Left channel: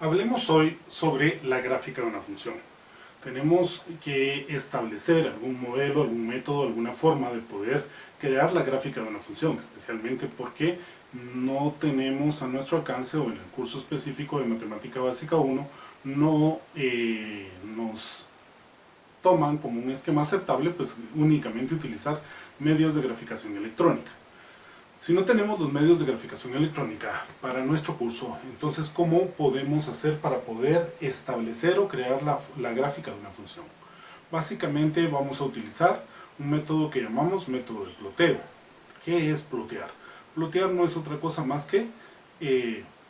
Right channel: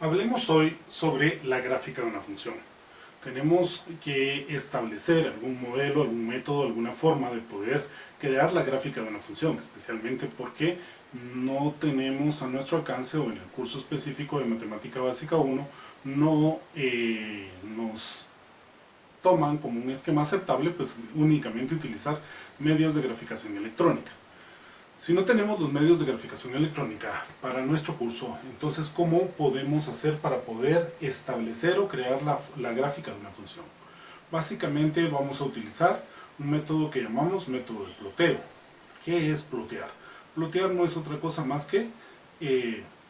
Hablemos hoy sobre la gráfica de una función. Tenemos que establecer algún modelo, algún método, alguna forma de poder crear la gráfica de una función, especialmente porque no tenemos a nuestro alcance, o en el curso específico de Matemática Básica 1, no nos toman como un esquema aceptable pues únicamente utilizar medios de graficación electrónica. Si no tenemos los medios de graficación electrónica para nuestro curso, entonces ¿cómo podemos hacer para poder establecer o crear la gráfica de una función? Básicamente vamos a utilizar un método que llamamos método de ploteo. ¿Qué es plotear? Plotear no es otra cosa más que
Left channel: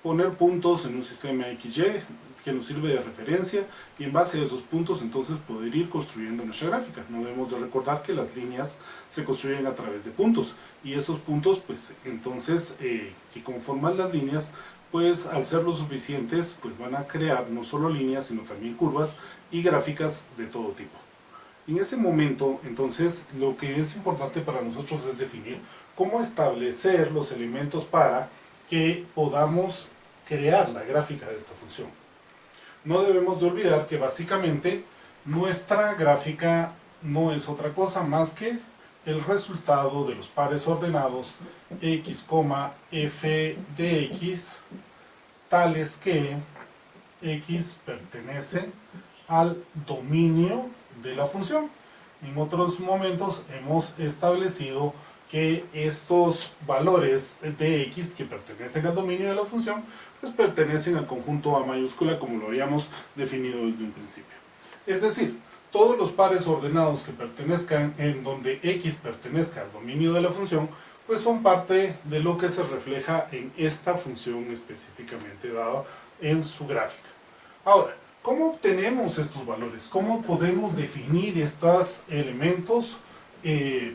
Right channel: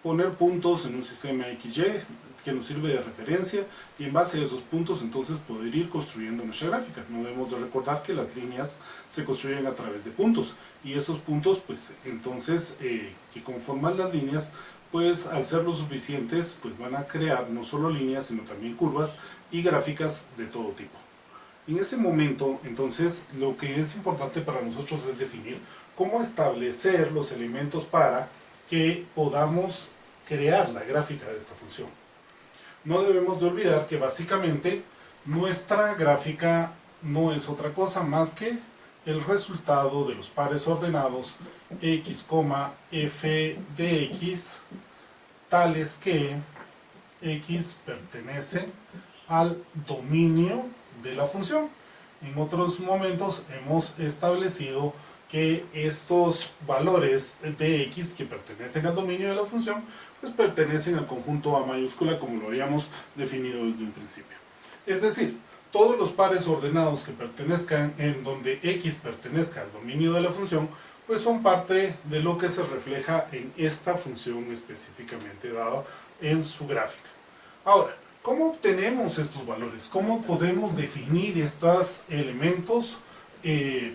poner puntos en un sistema XY que nos sirve de referencia, y en base a esos puntos entonces poder ir construyendo nuestra gráfica. No debemos de recordar que las líneas se construyen a través de puntos, y esos puntos pues entonces que conforman las líneas, pues al ser lo suficientes pues van a crear no solo líneas sino también curvas y gráficas de todo tipo. En ese momento entonces lo que es importante para nosotros es definir cómo establecer los elementos para que podamos crear la gráfica de esta función. No debemos de olvidar que básicamente nuestra gráfica no es otra cosa más que el resultado de los pares ordenados x, f de x, tales que x pertenece al dominio de la función. En otros momentos hemos establecido que estos valores de x que pertenecen al dominio de la función pues pertenecen al conjunto A mayúscula, como lo habíamos definido desde un principio. Es decir, todos los pares ordenados que pertenezcan en donde x pertenezca al dominio de la función pues son parte de lo que se refleja en esta función específicamente dada en su gráfica. Ahora, ¿cómo obtenemos estos valores? ¿Cómo podemos definir estos elementos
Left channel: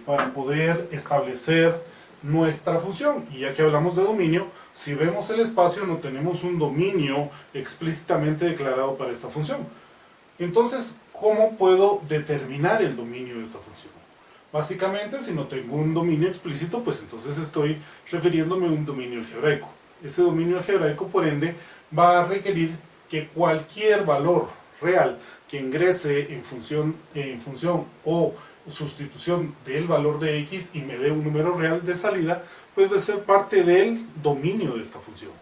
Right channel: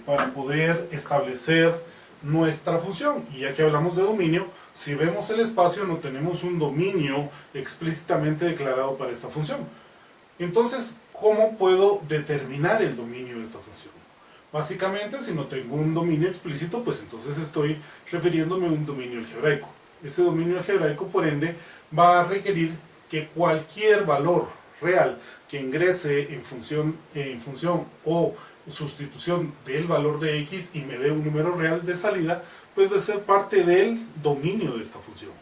para poder establecer nuestra función? Y ya que hablamos de dominio, si vemos el espacio no tenemos un dominio explícitamente declarado para esta función. Entonces, ¿cómo puedo determinar el dominio de esta función? Básicamente, si no tengo un dominio explícito, pues entonces estoy refiriéndome a un dominio algebraico. Ese dominio algebraico, por ende, va a requerir que cualquier valor real que ingrese en función o sustitución del valor de x y me dé un número real de salida, pues debe ser parte del dominio de esta función.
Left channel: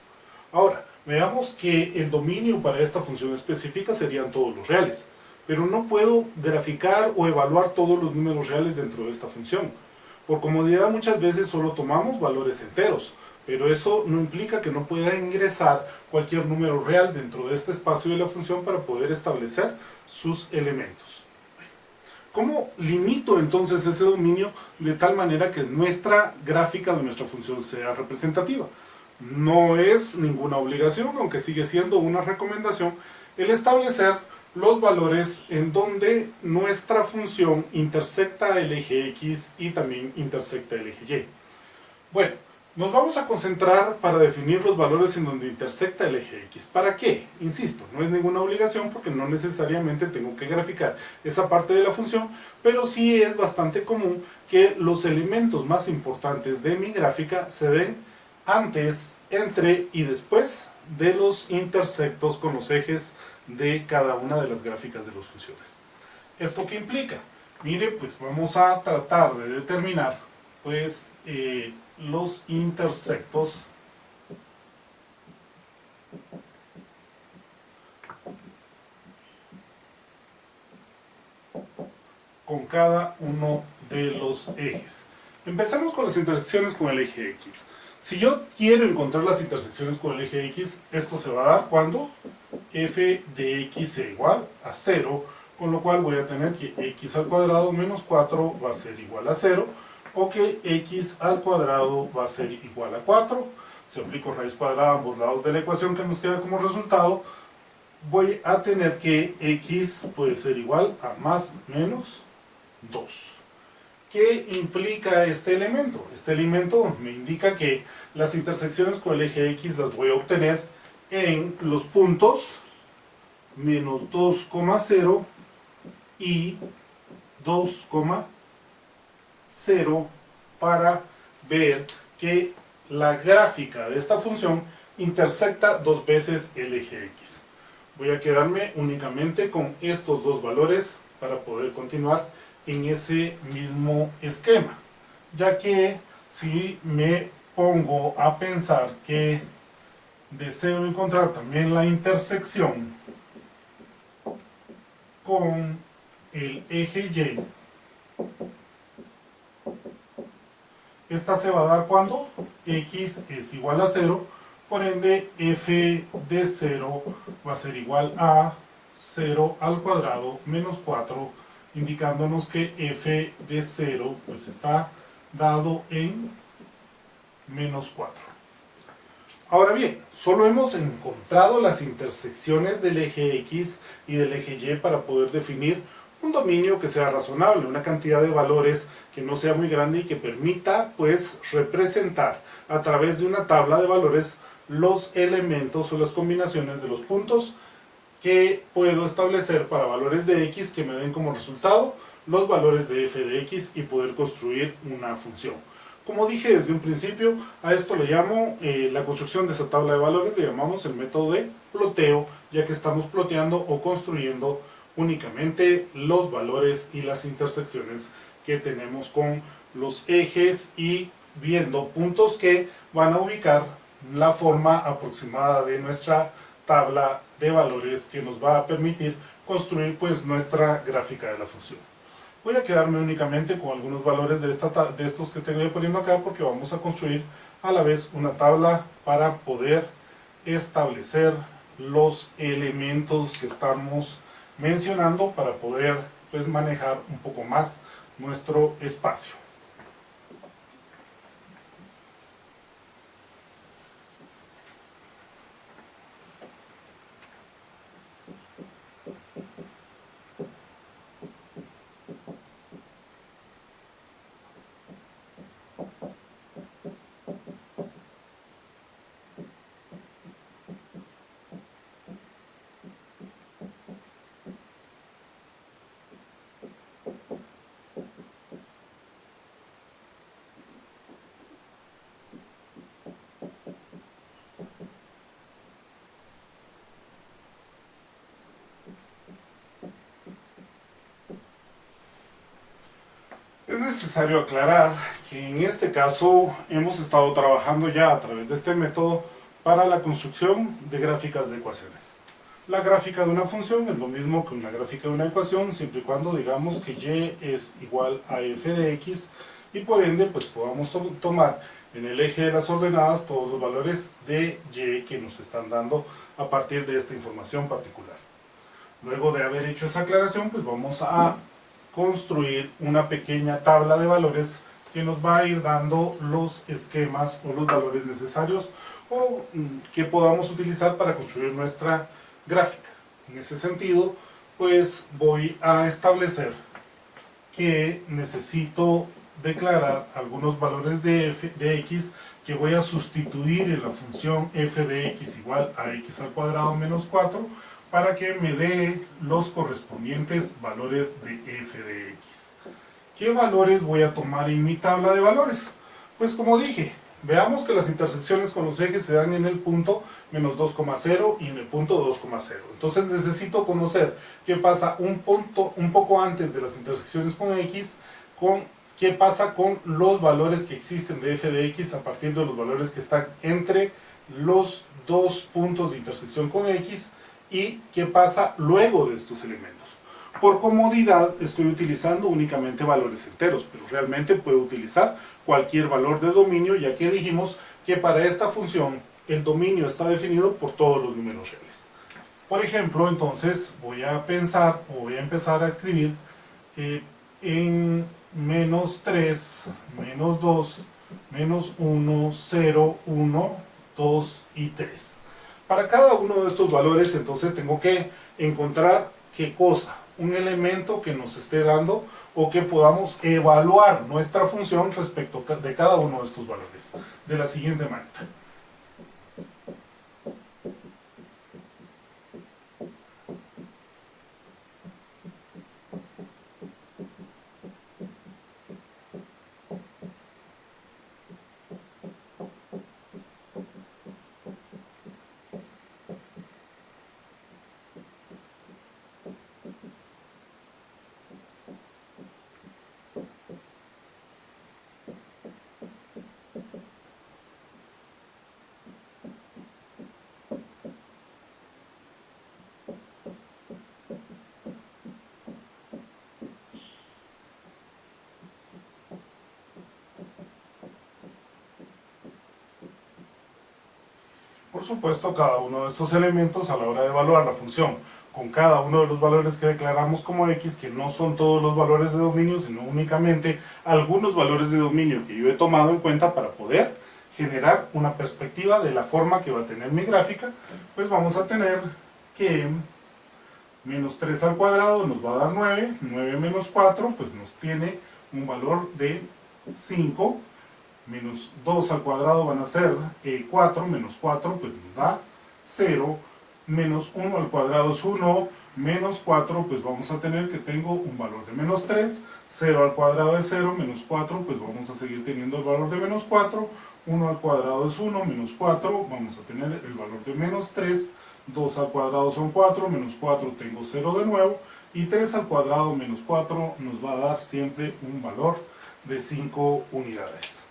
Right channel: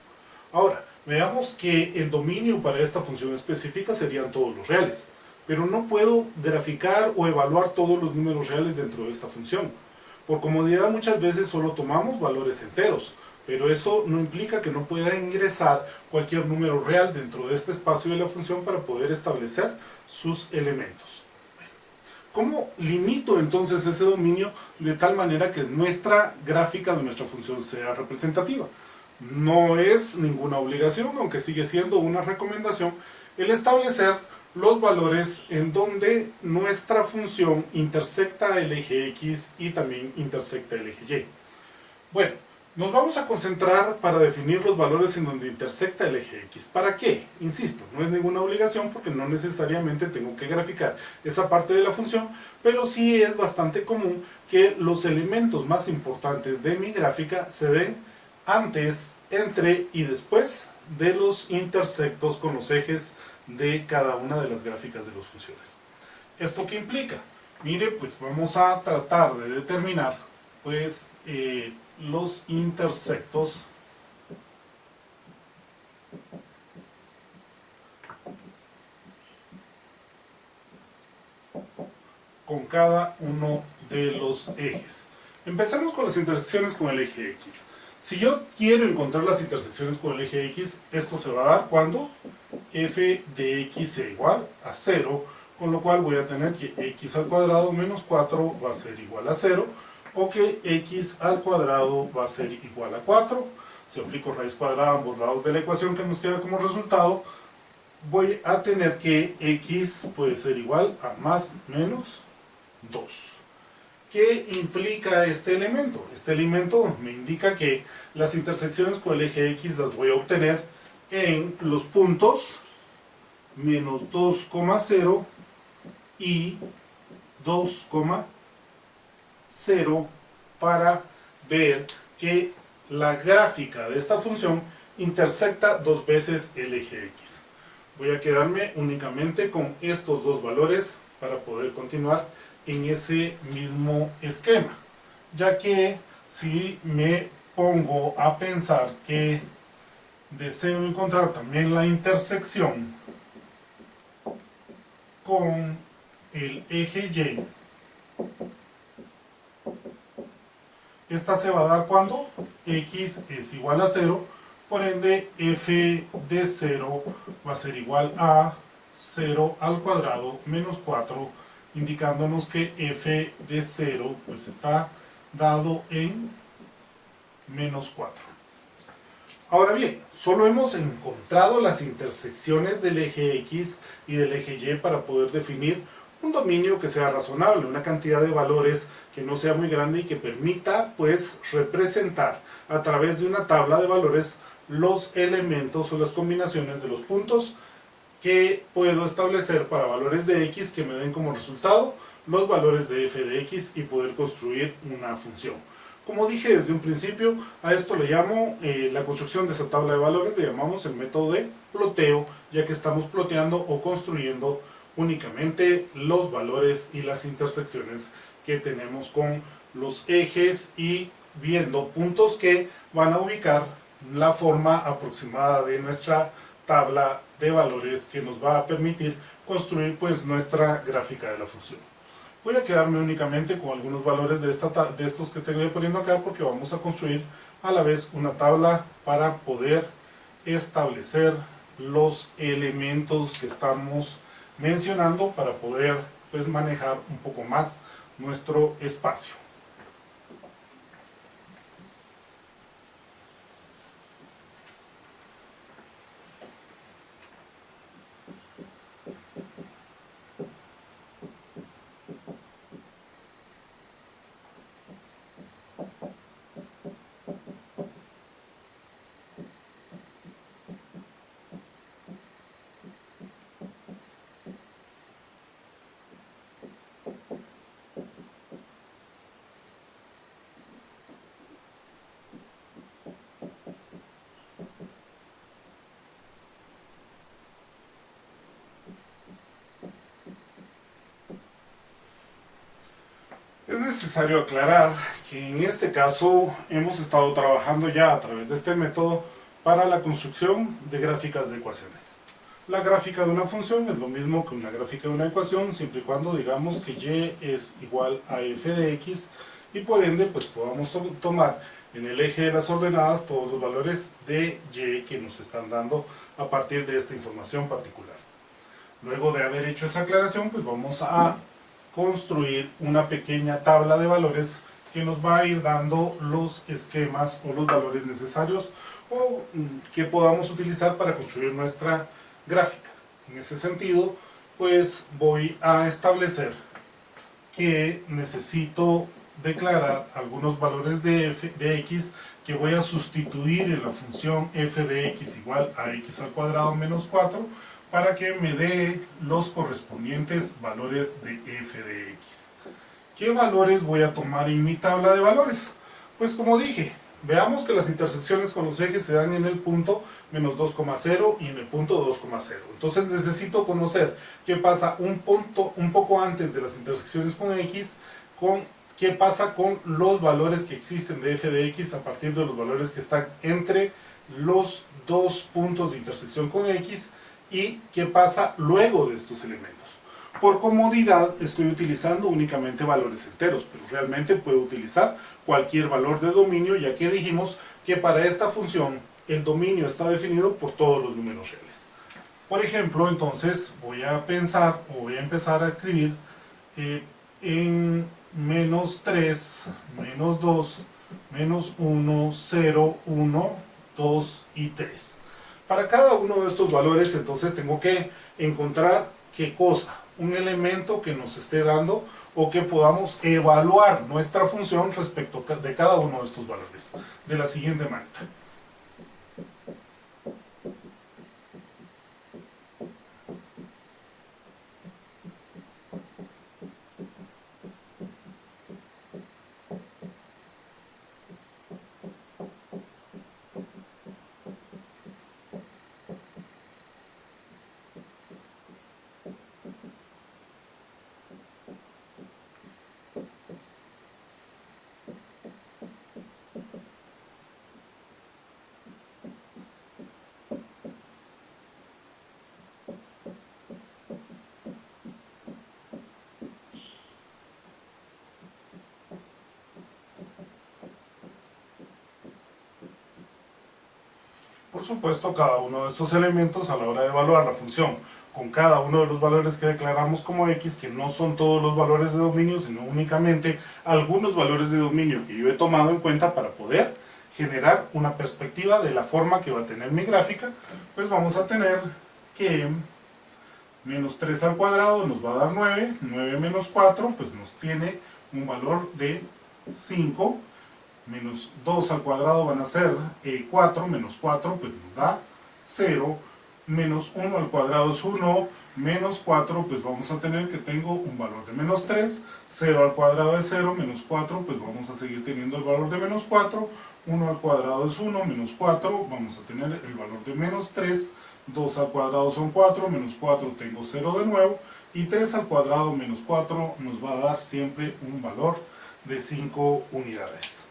Ahora, veamos que el dominio para esta función específica serían todos los reales, pero no puedo graficar o evaluar todos los números reales dentro de esta función. Por comodidad muchas veces solo tomamos valores enteros, pero eso no implica que no pueda ingresar cualquier número real dentro de este espacio de la función para poder establecer sus elementos. ¿Cómo limito entonces ese dominio de tal manera que nuestra gráfica de nuestra función sea representativa? No es ninguna obligación, aunque sigue siendo una recomendación, el establecer los valores en donde nuestra función intersecta el eje X y también intersecta el eje Y. Bueno, nos vamos a concentrar para definir los valores en donde intersecta el eje X. ¿Para qué? Insisto, no es ninguna obligación porque no necesariamente tengo que graficar esa parte de la función, pero sí es bastante común que los elementos más importantes de mi gráfica se den antes, entre y después de los intersectos con los ejes de cada una de las gráficas de las funciones. ¿Esto qué implica? Mire, pues vamos a tratar de determinar pues los intersectos con cada uno de los ejes. Empecemos con las intersecciones con el eje X. Si yo quiero encontrar las intersecciones con el eje X, esto se va a dar cuando f de x sea igual a 0, con lo cual voy a tener que x al cuadrado menos 4 va a ser igual a 0, o que x al cuadrado va a ser igual a 4. Si aplico raíz cuadrada a ambos lados de la ecuación que nos queda como resultado, voy a tener que x puede ser igual a más menos 2. ¿Qué implica este elemento? Este elemento me indica que las intersecciones con el eje X las voy a obtener en los puntos menos 2,0 y 2,0 para ver que la gráfica de esta función intersecta dos veces el eje X. Voy a quedarme únicamente con estos dos valores para poder continuar en ese mismo esquema, ya que si me pongo a pensar que deseo encontrar también la intersección con el eje Y, esta se va a dar cuando x es igual a 0, por ende f de 0 va a ser igual a 0 al cuadrado menos 4, indicándonos que f de 0 pues está dado en menos 4. Ahora bien, solo hemos encontrado las intersecciones del eje X y del eje Y para poder definir un dominio que sea razonable, una cantidad de valores que no sea muy grande y que permita pues representar a través de una tabla de valores los elementos o las combinaciones de los puntos que puedo establecer para valores de X que me den como resultado los valores de f de X y poder construir una función. Como dije desde un principio, a esto le llamo la construcción de esa tabla de valores, le llamamos el método de ploteo, ya que estamos ploteando o construyendo únicamente los valores y las intersecciones que tenemos con los ejes y viendo puntos que van a ubicar la forma aproximada de nuestra tabla de valores que nos va a permitir construir pues nuestra gráfica de la función. Voy a quedarme únicamente con algunos valores de estos que estoy poniendo acá porque vamos a construir a la vez una tabla para poder establecer los elementos que estamos mencionando para poder pues manejar un poco más nuestro espacio. Es necesario aclarar que en este caso hemos estado trabajando ya a través de este método para la construcción de gráficas de ecuaciones. La gráfica de una función es lo mismo que una gráfica de una ecuación, siempre y cuando digamos que y es igual a f de x y por ende pues podamos tomar en el eje de las ordenadas todos los valores de y que nos están dando a partir de esta información particular. Luego de haber hecho esa aclaración, pues vamos a construir una pequeña tabla de valores que nos va a ir dando los esquemas o los valores necesarios o que podamos utilizar para construir nuestra gráfica. En ese sentido, pues voy a establecer que necesito declarar algunos valores de x que voy a sustituir en la función f de x igual a x al cuadrado menos 4 para que me dé los correspondientes valores de f de x. ¿Qué valores voy a tomar en mi tabla de valores? Pues como dije, veamos que las intersecciones con los ejes se dan en el punto menos 2,0 y en el punto 2,0. Entonces necesito conocer qué pasa un poco antes de las intersecciones con x, qué pasa con los valores que existen de f de x a partir de los valores que están entre los dos puntos de intersección con x y qué pasa luego de estos elementos. Por comodidad estoy utilizando únicamente valores enteros, pero realmente puedo utilizar cualquier valor de dominio, ya que dijimos que para esta función el dominio está definido por todos los números reales. Por ejemplo, entonces voy a empezar a escribir en menos 3, menos 2, menos 1, 0, 1, 2 y 3. Para cada uno de estos valores, entonces tengo que encontrar qué cosa, un elemento que nos esté dando o que podamos evaluar nuestra función respecto de cada uno de estos valores. De la siguiente manera. Por supuesto, cada uno de estos elementos a la hora de evaluar la función con cada uno de los valores que declaramos como x, que no son todos los valores de dominio, sino únicamente algunos valores de dominio que yo he tomado en cuenta para poder generar una perspectiva de la forma que va a tener mi gráfica, pues vamos a tener que menos 3 al cuadrado nos va a dar 9, 9 menos 4 pues nos tiene un valor de 5, menos 2 al cuadrado van a ser 4, menos 4 pues nos da 0, menos 1 al cuadrado es 1, menos 4 pues vamos a tener que tengo un valor de menos 3, 0 al cuadrado es 0, menos 4 pues vamos a seguir teniendo el valor de menos 4, 1 al cuadrado es 1, menos 4 vamos a tener el valor de menos 3, 2 al cuadrado son 4, menos 4 tengo 0 de nuevo, y 3 al cuadrado menos 4 nos va a dar siempre un valor de 5 unidades.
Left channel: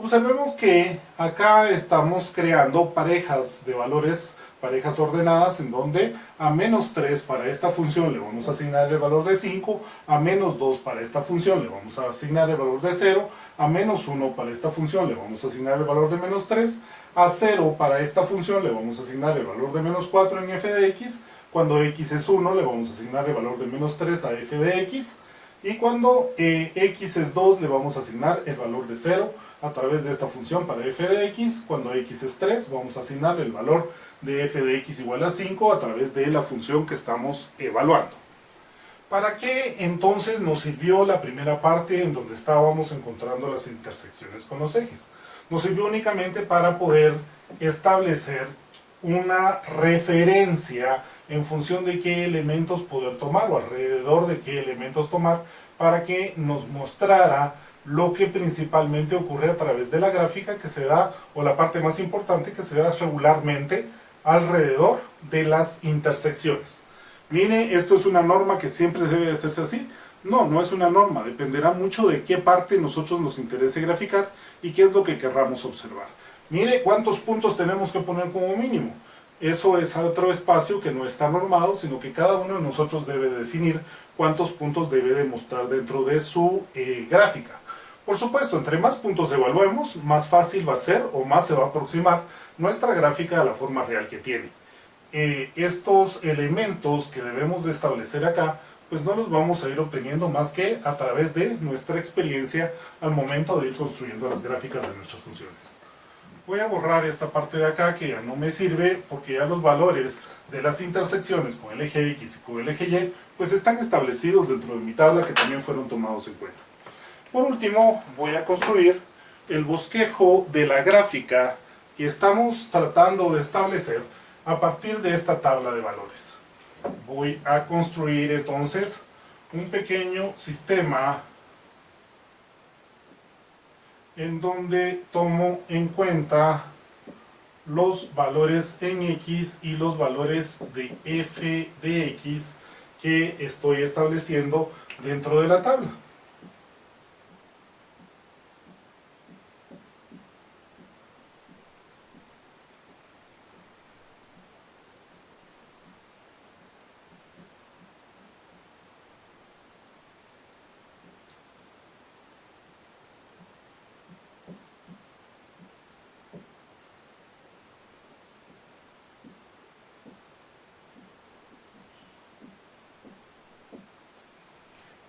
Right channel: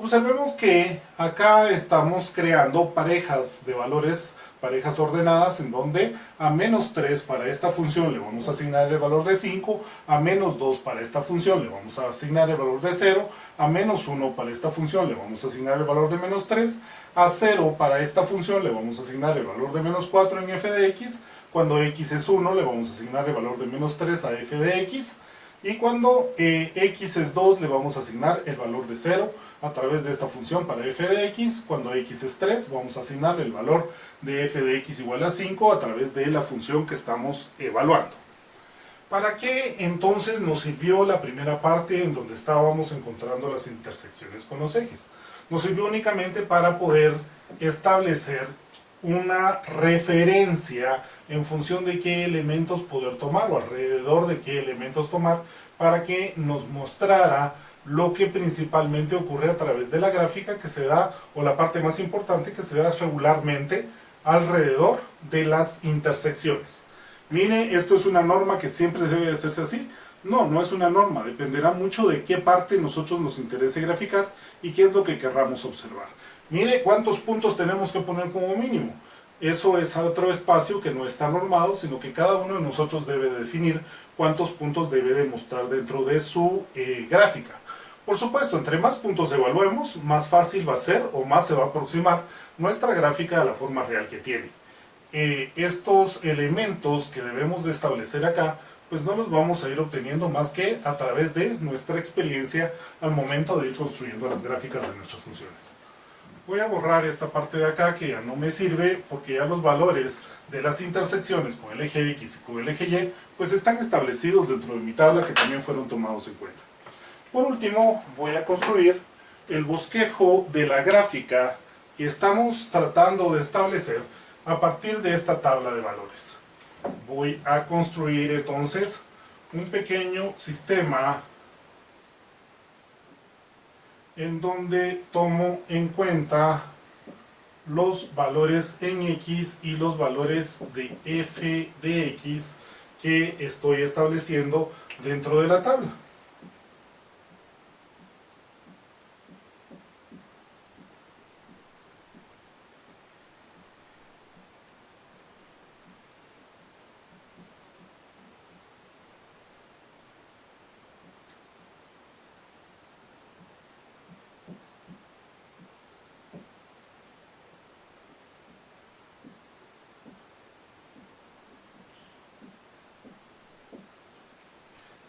Observemos que acá estamos creando parejas de valores, parejas ordenadas, en donde a menos 3 para esta función le vamos a asignar el valor de 5, a menos 2 para esta función le vamos a asignar el valor de 0, a menos 1 para esta función le vamos a asignar el valor de menos 3, a 0 para esta función le vamos a asignar el valor de menos 4 en f de x, cuando x es 1 le vamos a asignar el valor de menos 3 a f de x, y cuando x es 2 le vamos a asignar el valor de 0 a través de esta función para f de x. Cuando x es 3 vamos a asignar el valor de f de x igual a 5 a través de la función que estamos evaluando. ¿Para qué entonces nos sirvió la primera parte en donde estábamos encontrando las intersecciones con los ejes? Nos sirvió únicamente para poder establecer una referencia en función de qué elementos poder tomar o alrededor de qué elementos tomar para que nos mostrara lo que principalmente ocurre a través de la gráfica que se da, o la parte más importante que se da regularmente alrededor de las intersecciones. Mire, esto es una norma que siempre debe de hacerse así. No, no es una norma, dependerá mucho de qué parte nosotros nos interese graficar y qué es lo que querramos observar. Mire cuántos puntos tenemos que poner como mínimo. Eso es otro espacio que no está normado, sino que cada uno de nosotros debe de definir cuántos puntos debe de mostrar dentro de su gráfica. Por supuesto, entre más puntos evaluemos, más fácil va a ser o más se va a aproximar nuestra gráfica a la forma real que tiene. Estos elementos que debemos de establecer acá, pues no los vamos a ir obteniendo más que a través de nuestra experiencia al momento de ir construyendo las gráficas de nuestras funciones. Voy a borrar esta parte de acá que ya no me sirve porque ya los valores de las intersecciones con el eje X y con el eje Y pues están establecidos dentro de mi tabla que también fueron tomados en cuenta. Por último voy a construir el bosquejo de la gráfica que estamos tratando de establecer a partir de esta tabla de valores. Voy a construir entonces un pequeño sistema en donde tomo en cuenta los valores en X y los valores de f de X que estoy estableciendo dentro de la tabla.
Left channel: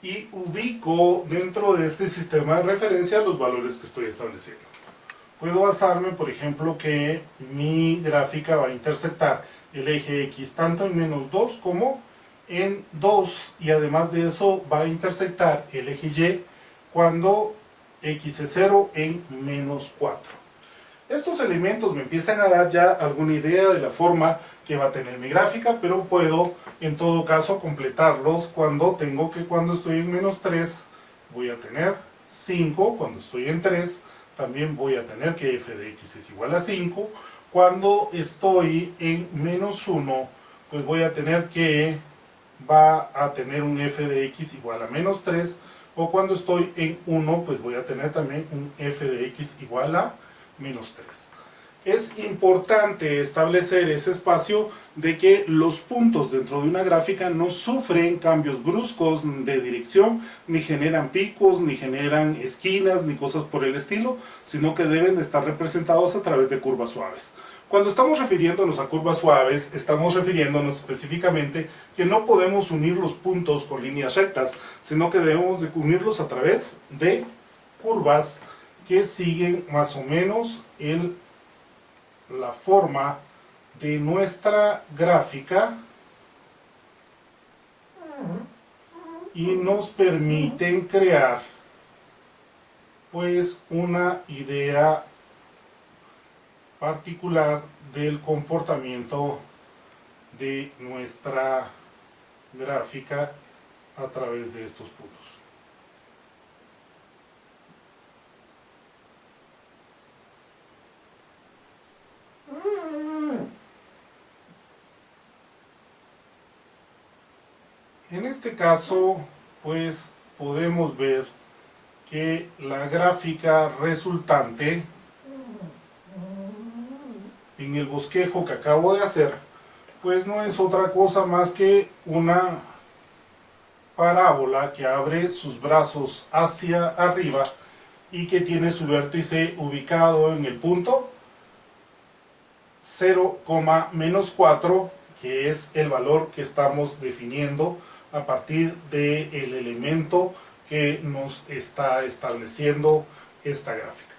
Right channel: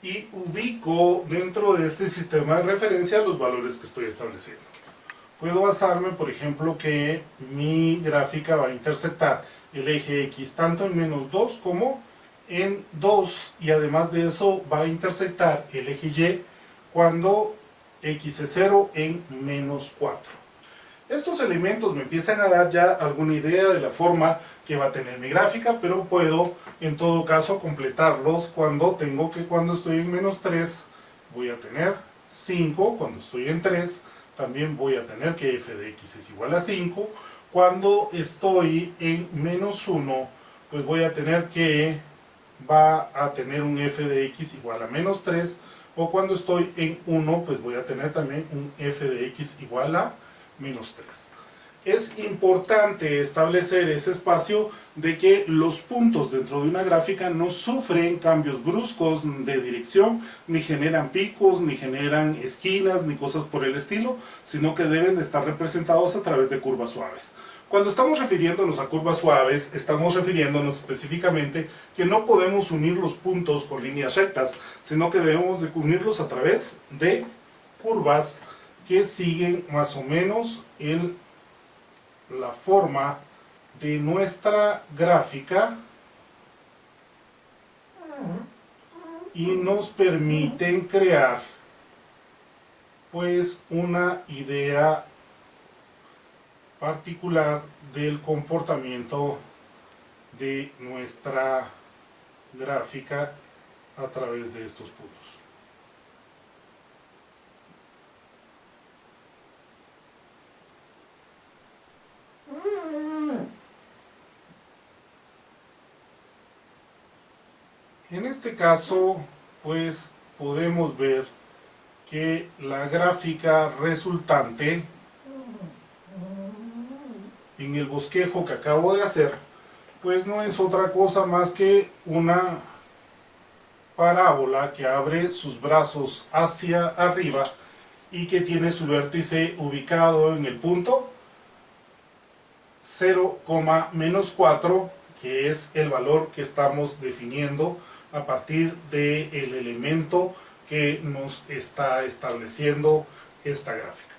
Y ubico dentro de este sistema de referencia los valores que estoy estableciendo. Puedo basarme, por ejemplo, que mi gráfica va a intersectar el eje X tanto en menos 2 como en 2, y además de eso va a intersectar el eje Y cuando X es 0 en menos 4. Estos elementos me empiezan a dar ya alguna idea de la forma que va a tener mi gráfica, pero puedo en todo caso completarlos cuando estoy en menos 3 voy a tener 5, cuando estoy en 3 también voy a tener que f de x es igual a 5, cuando estoy en menos 1 pues voy a tener que va a tener un f de x igual a menos 3, o cuando estoy en 1 pues voy a tener también un f de x igual a menos 3. es importante establecer ese espacio de que los puntos dentro de una gráfica no sufren cambios bruscos de dirección, ni generan picos, ni generan esquinas, ni cosas por el estilo, sino que deben de estar representados a través de curvas suaves. Cuando estamos refiriéndonos a curvas suaves, estamos refiriéndonos específicamente que no podemos unir los puntos con líneas rectas, sino que debemos de unirlos a través de curvas que siguen más o menos la forma de nuestra gráfica y nos permiten crear pues una idea particular del comportamiento de nuestra gráfica a través de estos puntos. En este caso, pues podemos ver que la gráfica resultante en el bosquejo que acabo de hacer, pues no es otra cosa más que una parábola que abre sus brazos hacia arriba y que tiene su vértice ubicado en el punto 0,-4, que es el valor que estamos definiendo a partir del elemento que nos está estableciendo esta gráfica.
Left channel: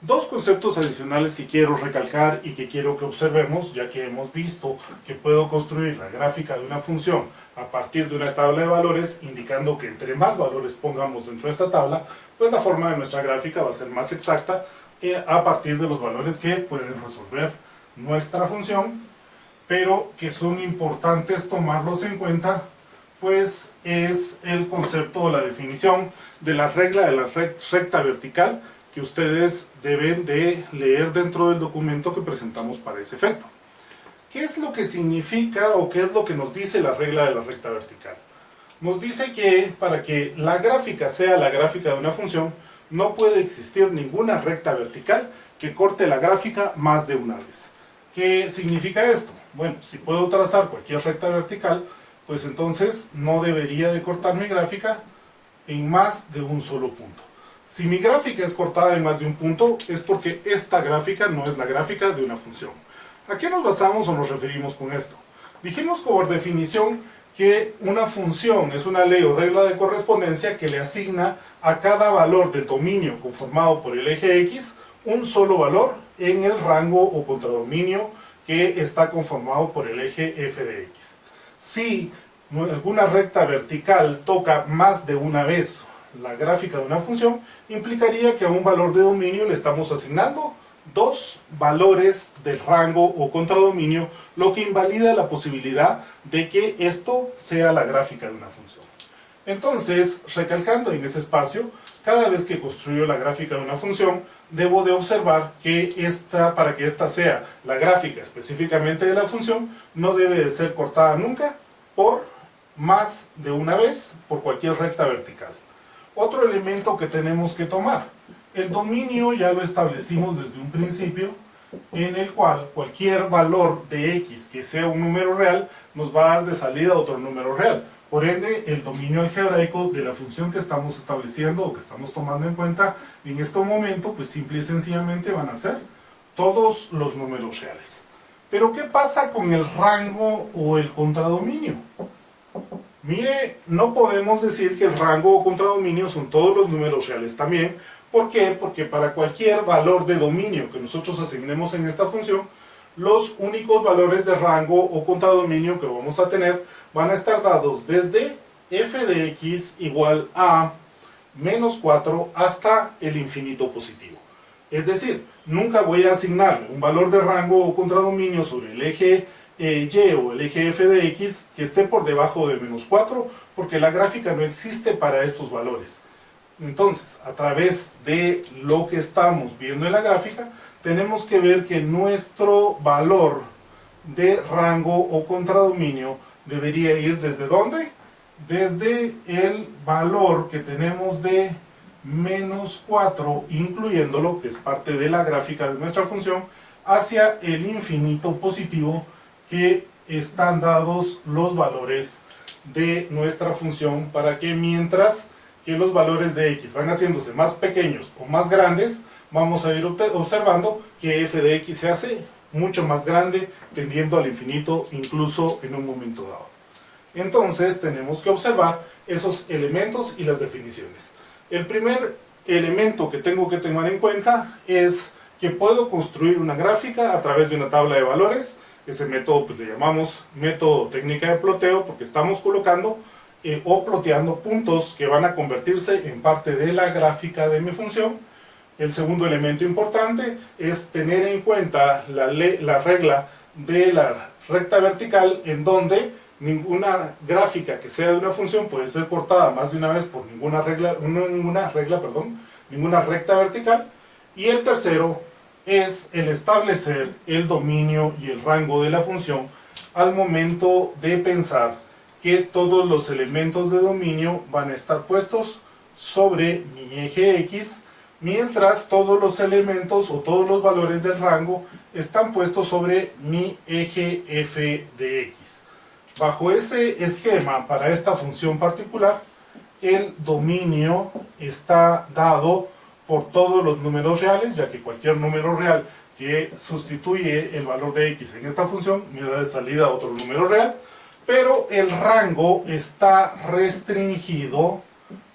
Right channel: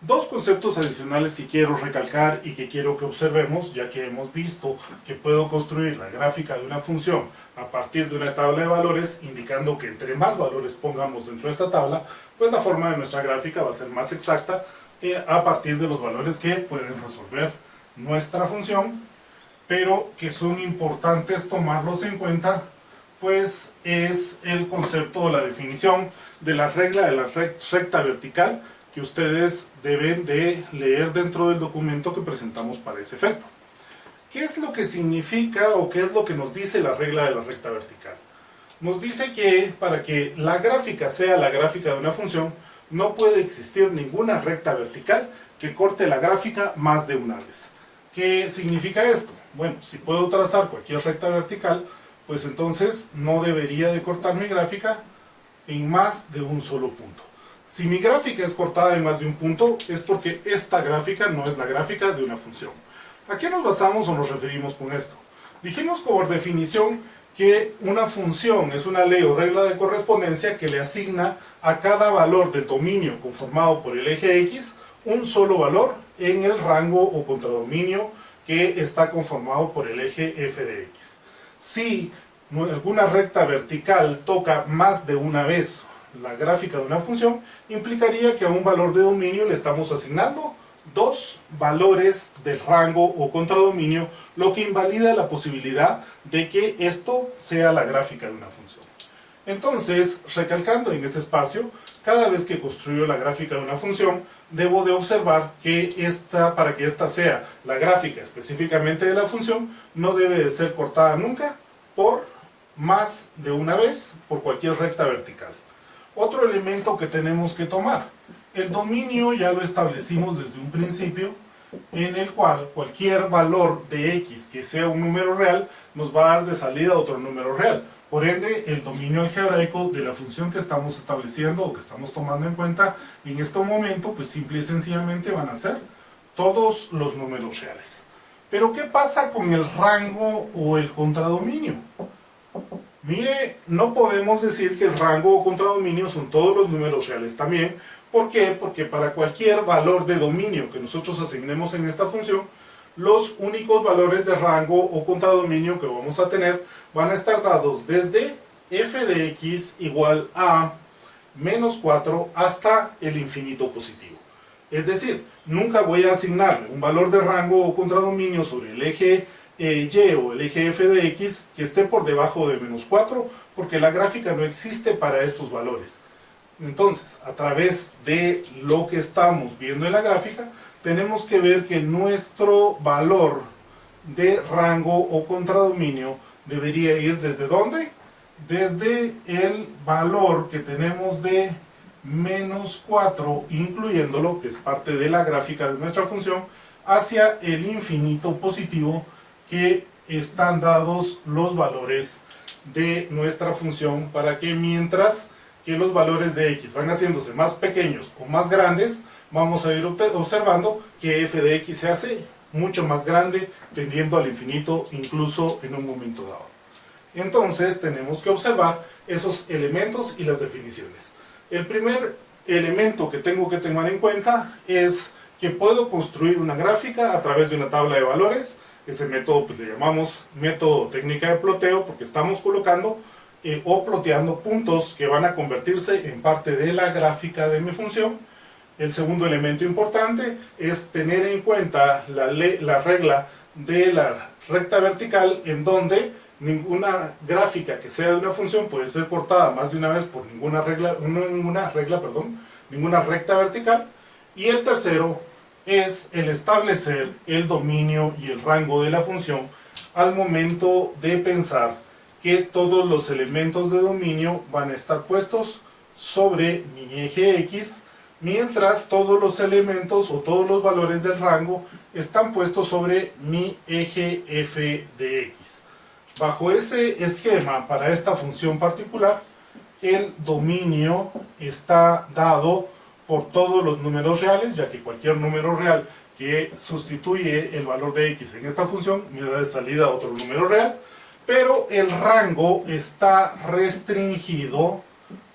Dos conceptos adicionales que quiero recalcar y que quiero que observemos, ya que hemos visto que puedo construir la gráfica de una función a partir de una tabla de valores, indicando que entre más valores pongamos dentro de esta tabla, pues la forma de nuestra gráfica va a ser más exacta a partir de los valores que pueden resolver nuestra función, pero que son importantes tomarlos en cuenta, pues es el concepto o la definición de la regla de la recta vertical, que ustedes deben de leer dentro del documento que presentamos para ese efecto. ¿Qué es lo que significa o qué es lo que nos dice la regla de la recta vertical? Nos dice que para que la gráfica sea la gráfica de una función, no puede existir ninguna recta vertical que corte la gráfica más de una vez. ¿Qué significa esto? Bueno, si puedo trazar cualquier recta vertical, pues entonces no debería de cortar mi gráfica en más de un solo punto. Si mi gráfica es cortada en más de un punto, es porque esta gráfica no es la gráfica de una función. ¿A qué nos basamos o nos referimos con esto? Dijimos por definición que una función es una ley o regla de correspondencia que le asigna a cada valor del dominio conformado por el eje X un solo valor en el rango o contradominio que está conformado por el eje f de X. Si alguna recta vertical toca más de una vez la gráfica de una función, implicaría que a un valor de dominio le estamos asignando dos valores del rango o contradominio, lo que invalida la posibilidad de que esto sea la gráfica de una función. Entonces, recalcando en ese espacio, cada vez que construyo la gráfica de una función, debo de observar que para que esta sea la gráfica específicamente de la función, no debe de ser cortada nunca por más de una vez por cualquier recta vertical. Otro elemento que tenemos que tomar, el dominio ya lo establecimos desde un principio, en el cual cualquier valor de x que sea un número real nos va a dar de salida otro número real. Por ende, el dominio algebraico de la función que estamos estableciendo o que estamos tomando en cuenta en este momento, pues simple y sencillamente van a ser todos los números reales. Pero ¿qué pasa con el rango o el contradominio? Mire, no podemos decir que el rango o contradominio son todos los números reales también. ¿Por qué? Porque para cualquier valor de dominio que nosotros asignemos en esta función, los únicos valores de rango o contradominio que vamos a tener van a estar dados desde f de x igual a menos 4 hasta el infinito positivo. Es decir, nunca voy a asignarle un valor de rango o contradominio sobre el eje y o el eje f de x que esté por debajo de menos 4, porque la gráfica no existe para estos valores. Entonces, a través de lo que estamos viendo en la gráfica, tenemos que ver que nuestro valor de rango o contradominio debería ir ¿desde dónde? Desde el valor que tenemos de menos 4, incluyéndolo, que es parte de la gráfica de nuestra función, hacia el infinito positivo, que están dados los valores de nuestra función, para que mientras que los valores de x van haciéndose más pequeños o más grandes, vamos a ir observando que f de x se hace mucho más grande, tendiendo al infinito incluso en un momento dado. Entonces tenemos que observar esos elementos y las definiciones. El primer elemento que tengo que tener en cuenta es que puedo construir una gráfica a través de una tabla de valores. Ese método pues le llamamos método técnica de ploteo, porque estamos colocando o ploteando puntos que van a convertirse en parte de la gráfica de mi función. El segundo elemento importante es tener en cuenta la regla de la recta vertical, en donde ninguna gráfica que sea de una función puede ser cortada más de una vez por ninguna recta vertical. Y el tercero es el establecer el dominio y el rango de la función al momento de pensar que todos los elementos de dominio van a estar puestos sobre mi eje X, mientras todos los elementos o todos los valores del rango están puestos sobre mi eje f de x. Bajo ese esquema, para esta función particular, el dominio está dado por todos los números reales, ya que cualquier número real que sustituye el valor de x en esta función me da de salida otro número real, pero el rango está restringido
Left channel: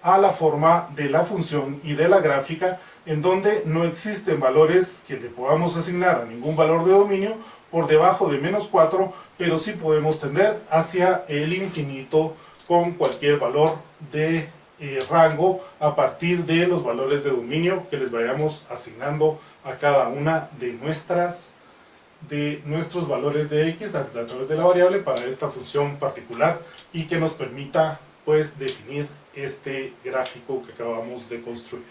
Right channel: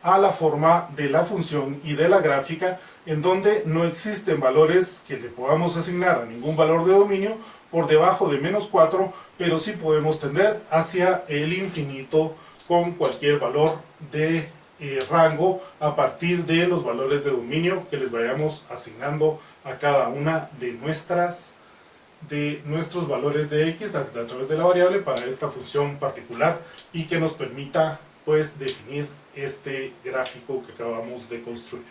a la forma de la función y de la gráfica, en donde no existen valores que le podamos asignar a ningún valor de dominio por debajo de menos 4, pero sí podemos tender hacia el infinito con cualquier valor de rango a partir de los valores de dominio que les vayamos asignando a cada una de nuestros valores de x a través de la variable para esta función particular, y que nos permita pues definir este gráfico que acabamos de construir.